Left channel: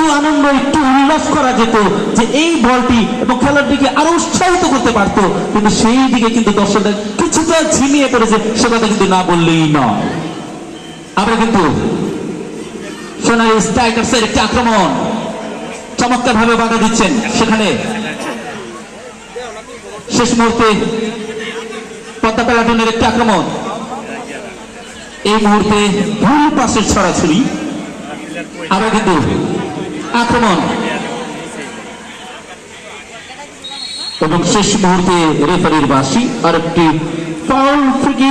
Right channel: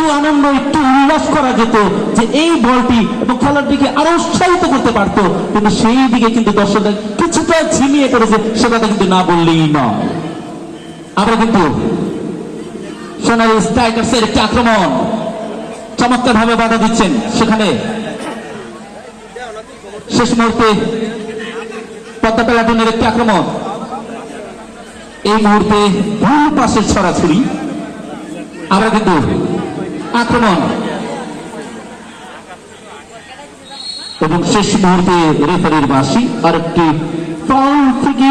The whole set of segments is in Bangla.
একটু আনন্দ একটু উল্লাস করা যেত, যে এই বলটি এবং খেলার দিকে আরো উৎসাহিত করতে পারতো, কিন্তু সেই দিকে কিন্তু দর্শকরা কিছুটা ঝিমিয়ে পড়েছে, সে কথা কিন্তু না বললেই না। আমরা কিন্তু সোনালী স্ট্রাইকার্সের একটি আক্রমণ চমৎকার ভাবে বাধা দিচ্ছেন, সেখানে শেষ মুহূর্তে পদ্মা প্লাটুনের একটি আক্রমণ, এই মুহূর্তে ভুল পাশে ছড়াছড়ি, আমরা কিন্তু আক্রমণ এবং শেষ মুহূর্তে রেফারির বাঁশি আর একটি ফাউল ফ্রি।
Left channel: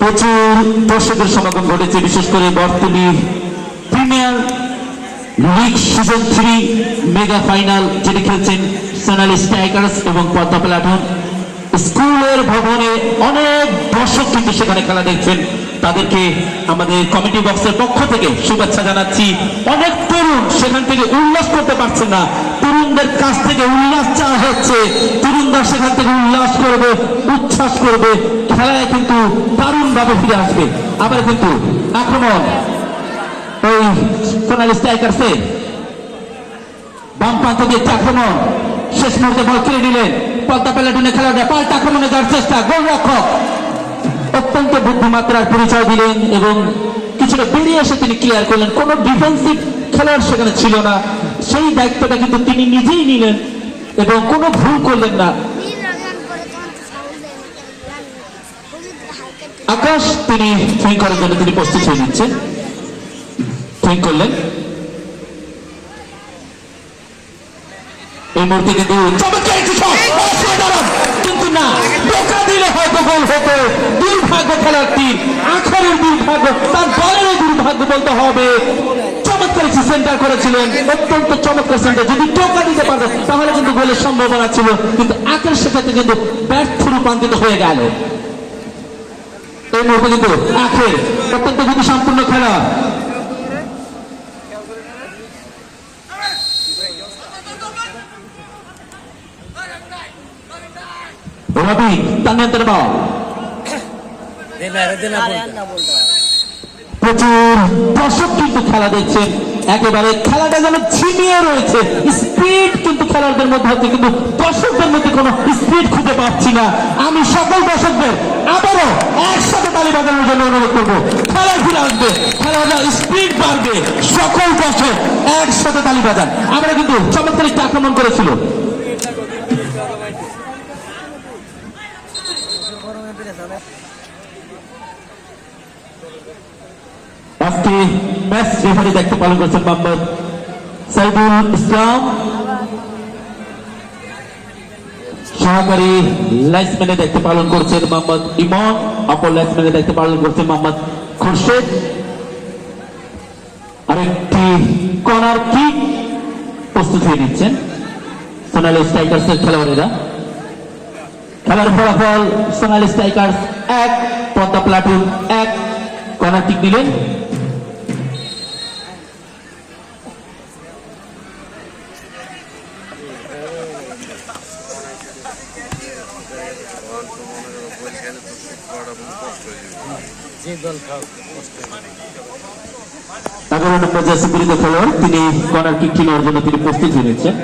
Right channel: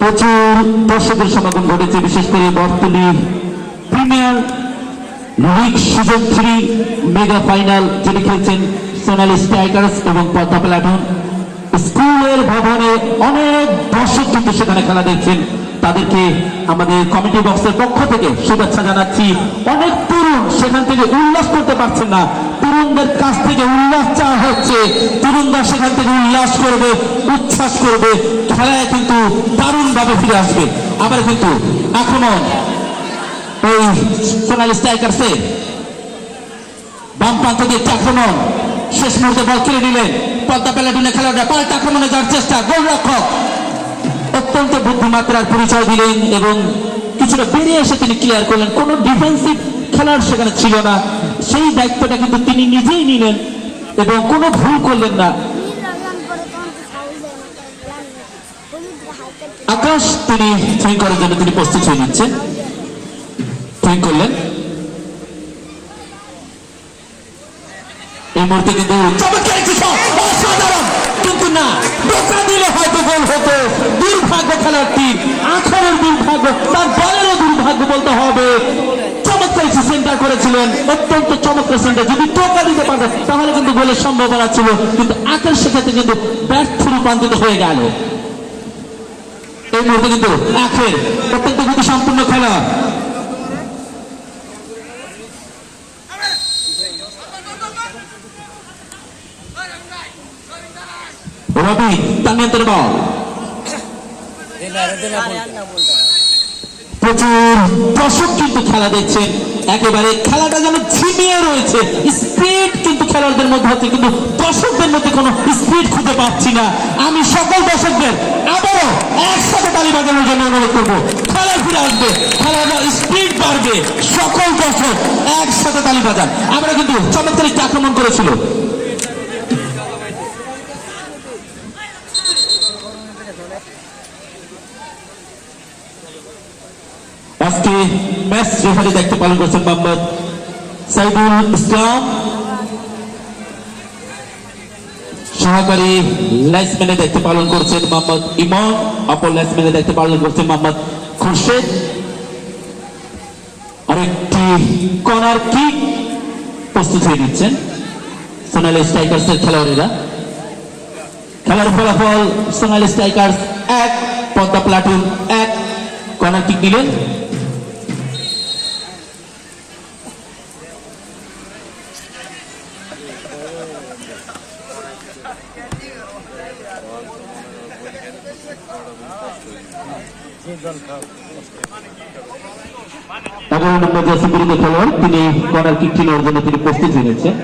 প্রচুর দর্শকের সমাগম ঘটেছে, বিশেষ করে বর্তমানে premier league season 3 mega final যেটি খেলছেন সোনালী স্ট্রাইকার্স এবং পদ্মা প্লাটুন। স্কুলের ভবনে অনেক দর্শক কিন্তু সেখানে খেলা দেখছেন, তাদেরকে আমাদের কমিটি বক্সের পক্ষ থেকে শুভেচ্ছা জানাচ্ছি। অনেক তরুণ সেখান থেকে উল্লাস করতে পারছেন না, তরুণদের কাছ থেকে উল্লাস চাওয়া হচ্ছে, তরুণরা সেখান থেকে উল্লাস করবে, উচ্ছ্বাস করবে, খেলায় কিন্তু দারুণ ভাবে ফিরে আসবে। আবার কিন্তু আক্রমণ ওই সোনালী স্ট্রাইকার্সে বাম প্রান্ত দিয়ে আক্রমণ, শেষ মুহূর্তে বল কেড়ে নিলেন পদ্মা প্লাটুনের খেলাটা, পাল্টা আক্রমণে যাওয়ার চেষ্টা, গোলরক্ষক অত্যন্ত বুদ্ধিমাত্রার পরিচয় দিলেন এবং কিছুটা বেরিয়ে এসে তিনি ক্লিয়ার করলেন, কোন ডিফেন্সিভ খেলোয়াড় সেখানে ছিল না, সেই দায়িত্বটা কিন্তু তিনি নিজেই নিলেন এবং কোনো ভুল করলেন না। আকাশ তিনি থ্রোইং করার জন্য তিনি প্রস্তুত হয়ে নিচ্ছেন, থ্রোইং করলেন। এই মুহূর্তে কিন্তু কিন্তু না, টোকা দিলে হয়তো গোল হতো। দুর্ভাগ্য খেলোয়াড়টির, আখেরের দুর্ভাগ্য, তার দলেরও দুর্ভাগ্য বলতে হবে। চমৎকার সেন্টার করেছিলেন, অত্যন্ত চমৎকার সেন্টার, যদি টোকা দিতে পারতেন তাহলে কিন্তু গোলের সম্ভাবনা ছিল, কিন্তু আখের সেক্ষেত্রে কিন্তু ব্যর্থ রূপান্তরিত হয়ে গেল। এই মুহূর্তে কিন্তু আখের অত্যন্ত গতি সম্পূর্ণ খেলা, রবি তার নিয়ন্ত্রণে বল, প্রচুর দর্শক কিন্তু খেলা দেখছেন, একেবারে খেলাটা যেন ঝিমিয়ে রয়েছে, স্পিড কিন্তু খেলোয়াড়দের মধ্যে হচ্ছে, কিন্তু দর্শকদের মধ্যে কোনো স্পিড খুঁজে পাচ্ছি না। আমি সকল দর্শকদের আবারও একসাথে তালি বাজানোর জন্য অনুরোধ করবো, খেলা ফিরে আসবে, খেলাটা স্পিড বাড়বে, সকল দর্শক একসাথে তালি বাজান। আমরা কিন্তু চমৎকার একটি আক্রমণ করেছিল, আজকে ম্যাচ রেফারি দায়িত্ব পালন করছেন মোহাম্মদ সাইদুল ইসলাম, সহকারী লাইসম্যানের দায়িত্ব পালন করছেন মোহাম্মদ ইমন, অপর লাইসম্যানের দায়িত্ব পালন করছেন মোহাম্মদ খুরশেদ। আরেকটি কর্নার কিক প্রস্তুত হয়ে নিচ্ছেন সোনালী স্ট্রাইকার্সের খেলোয়াড়েরা। খেলার ফলাফল Sonali strikers 1 Padma platoon 1। Corner kick দিলেন খেলোয়াড়, তিনি কর্নার কিকটি নেওয়ার জন্য তিনি প্রস্তুত হয়েছেন।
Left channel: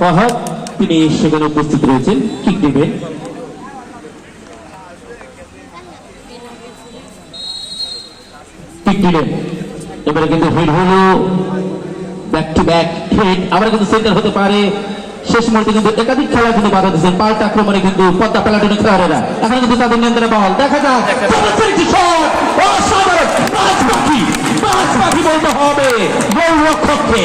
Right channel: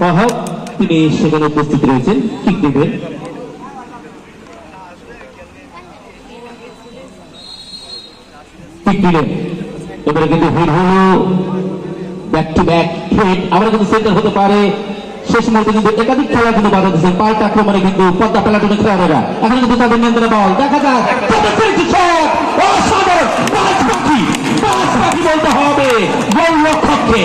ফাহাদ তিনি সেখানে উপস্থিত রয়েছেন, কিক দেবেন। কিক দিলেন, এবারে কিন্তু হেড হলো, ব্যাক টু ব্যাক হেড, আমরা কিন্তু সেন্টার হতে পারে। শেষ মুহূর্তে কিন্তু একাধিক খেলা কিন্তু বাধা দিচ্ছেন, পাল্টা আক্রমণে কিন্তু পদ্মা প্লাটুনের খেলোয়াড়েরা এখন কিন্তু তাদের নিয়ন্ত্রণে বল, দেখা যাক অসাধারণ পাঁচ পাখি বলতে হবে গোলরক্ষককে।